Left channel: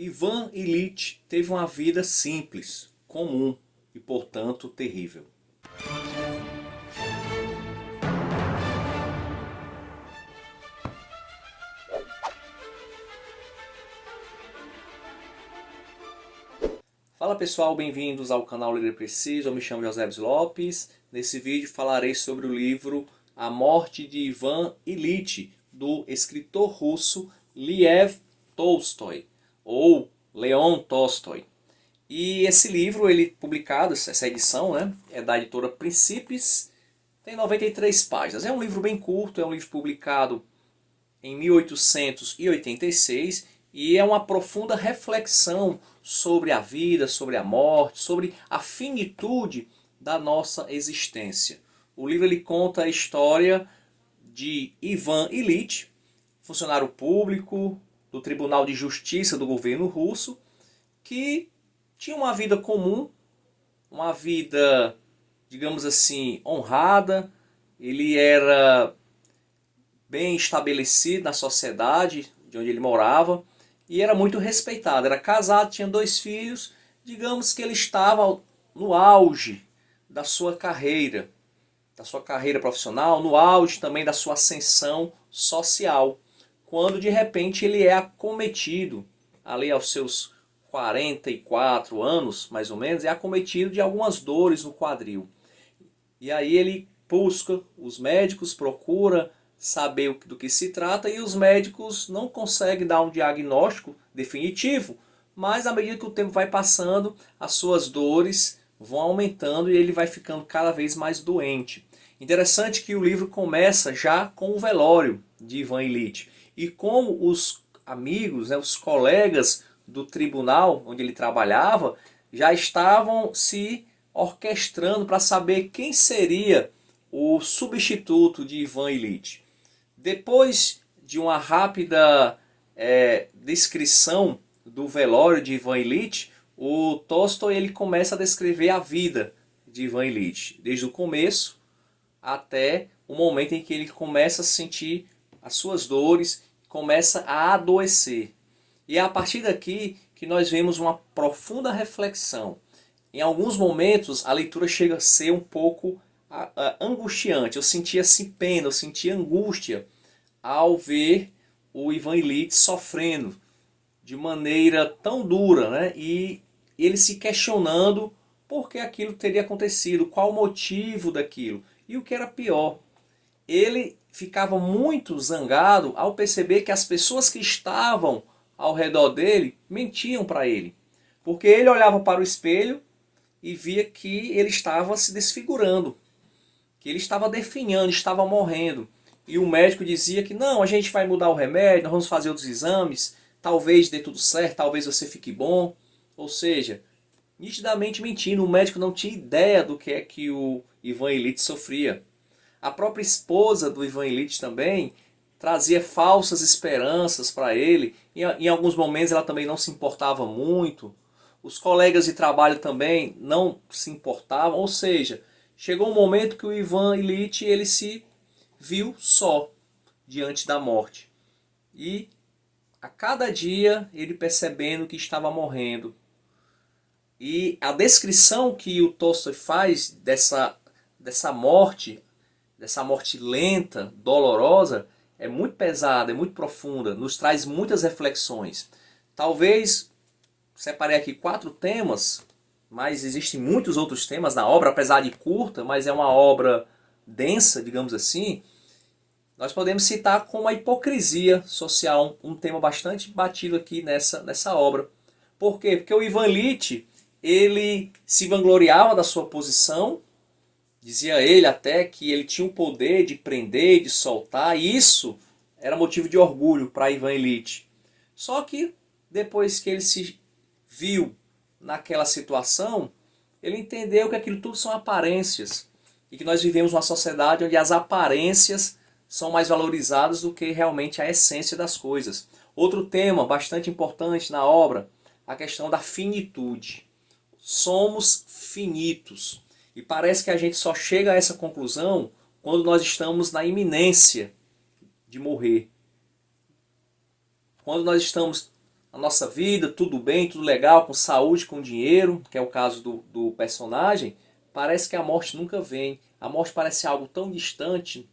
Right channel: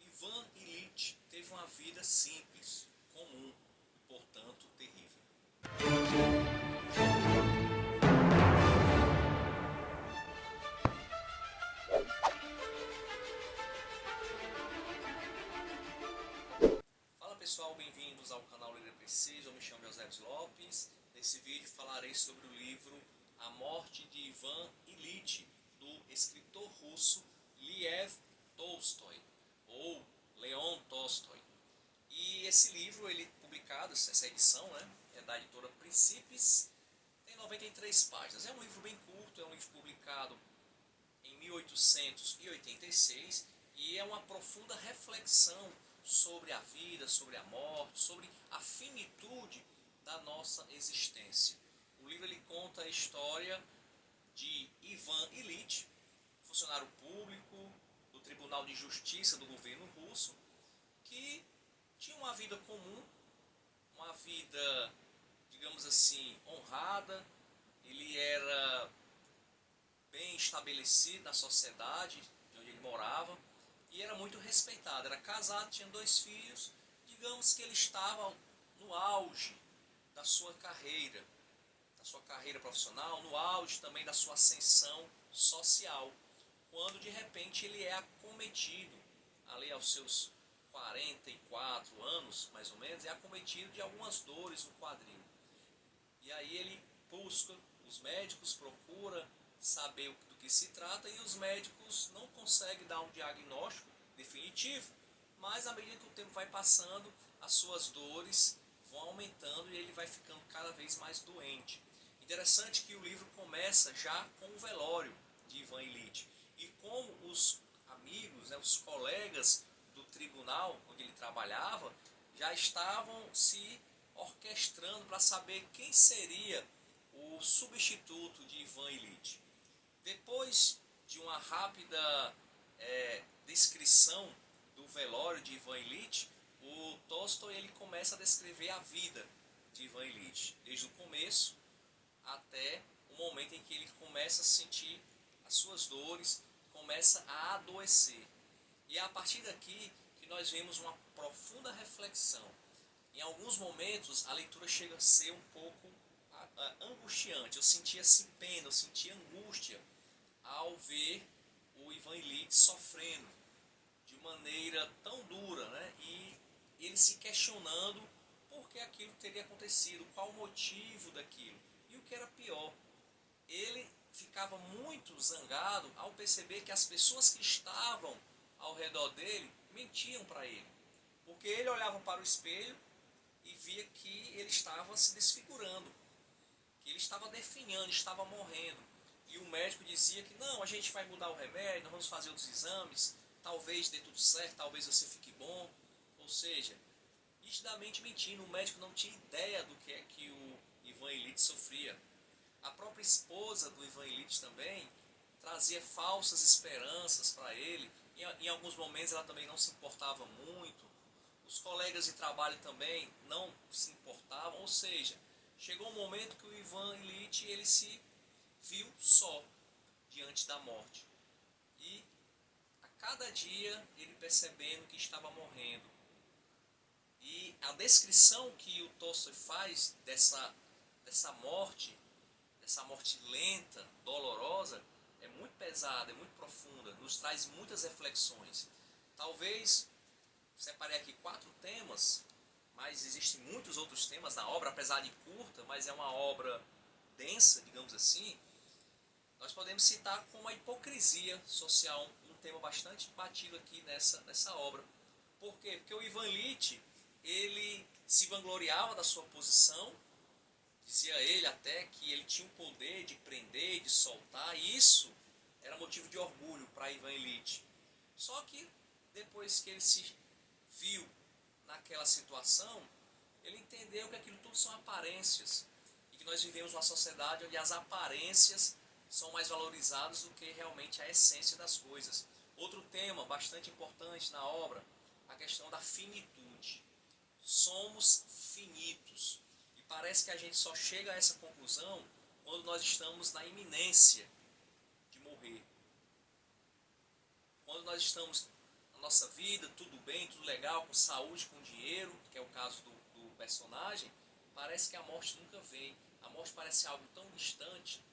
Ivan Ilitch teve uma vida simples, comum e, portanto, terrível. Fala pessoal, bem-vindos ao canal Líder Preciso, eu me chamo José Lopes. Nesse vídeo falarei sobre o livro A Morte de Ivan Ilitch, do escritor russo Lev Tolstói, ou Leon Tolstói. E esse livro, ele publicado, essa edição, né, é da editora Princípios, tem 93 páginas. É um livro bem curto, é um livro publicado em 1886 e é uma profunda reflexão sobre a vida, sobre a morte, sobre a finitude da nossa existência. O livro ele conta a história de Ivan Ilitch, funcionário público do Tribunal de Justiça do governo russo, que tinha uma vida comum, uma vida, digamos assim, honrada. Ele era bem estabelecido na sociedade de onde ele morava e era muito respeitado. Era casado, tinha 2 filhos. Digamos que ele estava no auge da sua carreira profissional, no auge também da sua ascensão social, quando de repente ele é acometido, ali aos seus 44 anos, mais ou menos, é acometido de algumas dores no quadril. E aí ele busca os médicos, procura saber do que se trata e os médicos não conseguem dar um diagnóstico definitivo, mas à medida que o tempo vai passando, as suas dores vão aumentando e ele vai ficando cada vez mais doente. Interessante que o livro começa já com o velório de Ivan Ilitch e como os amigos, né, os colegas do tribunal onde ele trabalhava já estavam se orquestrando para saber quem seria o substituto de Ivan Ilitch. Depois de uma rápida descrição do velório de Ivan Ilitch, o Tolstói ele começa a descrever a vida de Ivan Ilitch, desde o começo até o momento em que ele começa a sentir as suas dores, começa a adoecer. E é a partir daqui que nós vemos uma profunda reflexão. Em alguns momentos a leitura chega a ser um pouco angustiante. Eu sentia assim pena, eu sentia angústia ao ver o Ivan Ilitch sofrendo de maneira tão dura, né? E ele se questionando por que aquilo teria acontecido, qual o motivo daquilo. E o que era pior, ele ficava muito zangado ao perceber que as pessoas que estavam ao redor dele mentiam para ele. Porque ele olhava para o espelho e via que ele estava se desfigurando, que ele estava definhando, estava morrendo. E o médico dizia que não, a gente vai mudar o remédio, nós vamos fazer outros exames, talvez dê tudo certo, talvez você fique bom. Ou seja, nitidamente mentindo, o médico não tinha ideia do que é que o Ivan Ilitch sofria. A própria esposa do Ivan Ilitch também trazia falsas esperanças para ele. Em alguns momentos ela também não se importava muito. Os colegas de trabalho também não se importavam. Ou seja, chegou um momento que o Ivan Ilitch ele se viu só diante da morte. E a cada dia ele percebendo que estava morrendo. E a descrição que o Tolstói faz dessa morte lenta, dolorosa, é muito pesada, é muito profunda, nos traz muitas reflexões. Talvez separei aqui 4 temas, mas existem muitos outros temas na obra, apesar de curta, mas é uma obra densa, digamos assim. Nós podemos citar como a hipocrisia social, um tema bastante batido aqui nessa obra. Por quê? Porque o Ivan Ilitch, ele se vangloriava da sua posição. Dizia ele até que ele tinha o poder de prender, de soltar, e isso era motivo de orgulho para Ivan Ilitch. Só que depois que ele se viu naquela situação, ele entendeu que aquilo tudo são aparências e que nós vivemos uma sociedade onde as aparências são mais valorizadas do que realmente a essência das coisas. Outro tema bastante importante na obra, a questão da finitude. Somos finitos. E parece que a gente só chega a essa conclusão quando nós estamos na iminência de morrer. Quando nós estamos a nossa vida, tudo bem, tudo legal, com saúde, com dinheiro, que é o caso do personagem, parece que a morte nunca vem. A morte parece algo tão distante,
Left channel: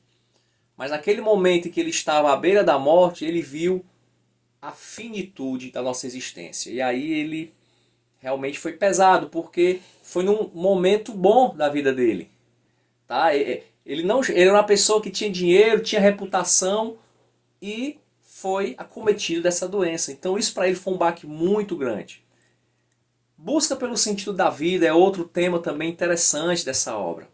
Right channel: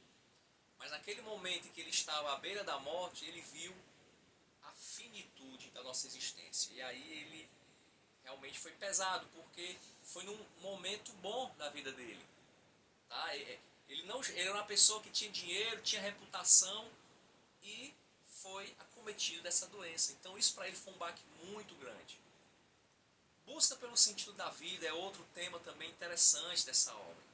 mas naquele momento em que ele estava à beira da morte, ele viu a finitude da nossa existência. E aí ele realmente foi pesado, porque foi num momento bom da vida dele. Tá? Ele era uma pessoa que tinha dinheiro, tinha reputação e foi acometido dessa doença. Então isso para ele foi um baque muito grande. Busca pelo sentido da vida é outro tema também interessante dessa obra.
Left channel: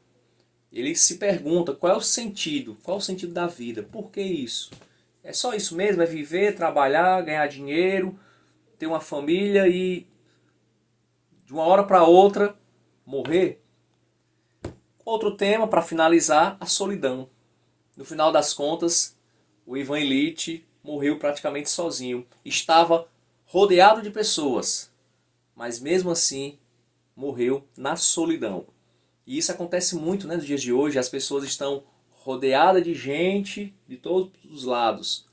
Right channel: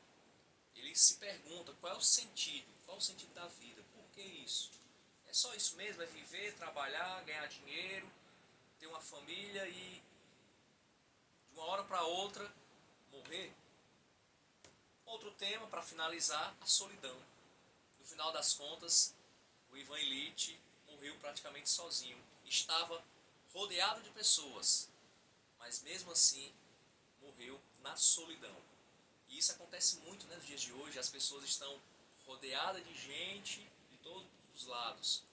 Ele se pergunta qual é o sentido, qual é o sentido da vida, por que isso? É só isso mesmo, é viver, trabalhar, ganhar dinheiro, ter uma família e de uma hora para outra morrer? Outro tema, para finalizar, a solidão. No final das contas, o Ivan Ilitch morreu praticamente sozinho. Estava rodeado de pessoas, mas mesmo assim morreu na solidão. E isso acontece muito, né, nos dias de hoje. As pessoas estão rodeadas de gente de todos os lados,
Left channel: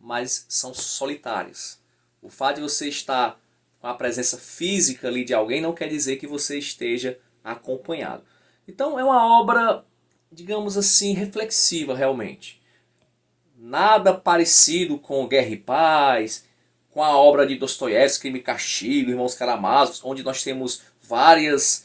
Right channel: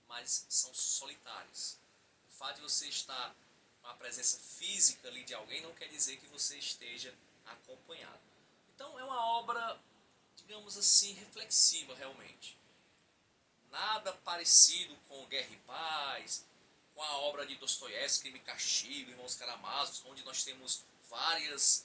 mas são solitárias. O fato de você estar com a presença física ali de alguém não quer dizer que você esteja acompanhado. Então é uma obra, digamos assim, reflexiva realmente. Nada parecido com Guerra e Paz, com a obra de Dostoiévski, Crime e Castigo, Irmãos Karamazov, onde nós temos várias...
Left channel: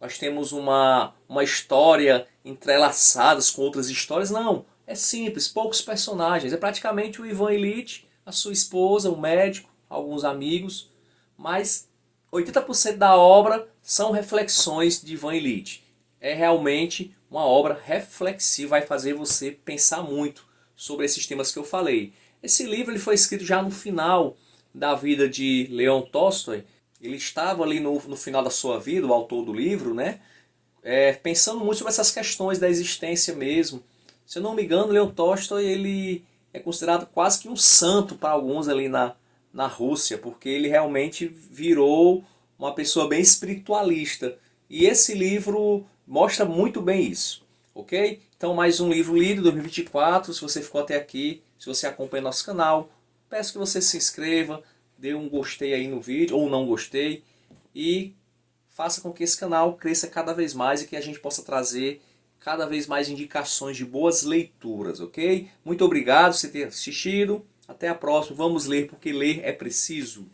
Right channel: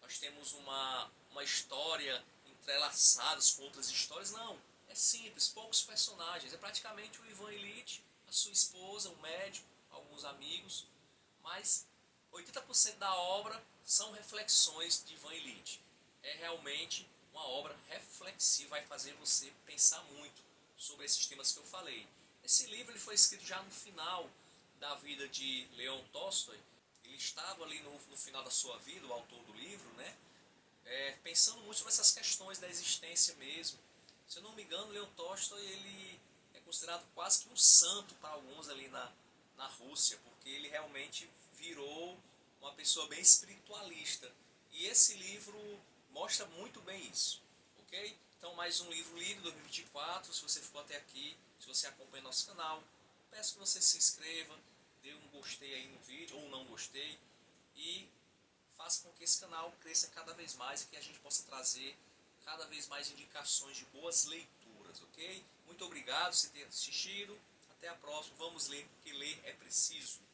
nós temos uma história entrelaçadas com outras histórias. Não, é simples, poucos personagens. É praticamente o Ivan Ilitch, a sua esposa, o médico, alguns amigos, mas 80% da obra são reflexões de Ivan Ilitch. É realmente uma obra reflexiva, vai fazer você pensar muito sobre esses temas que eu falei. Esse livro ele foi escrito já no final da vida de Leon Tolstói. Ele estava ali no final da sua vida, o autor do livro, né? Pensando muito sobre essas questões da existência mesmo. Se eu não me engano, Leon Tolstói ele é considerado quase que um santo para alguns ali na Rússia, porque ele realmente virou uma pessoa bem espiritualista. E esse livro mostra muito bem isso, ok? Então mais um livro lido, 2024, se você ficou até aqui, se você acompanha nosso canal, peço que você se inscreva, dê um gostei aí no vídeo, ou não gostei, e faça com que esse canal cresça cada vez mais e que a gente possa trazer cada vez mais indicações de boas leituras, ok? Muito obrigado por você ter assistido, até a próxima, vamos ler porque ler é preciso.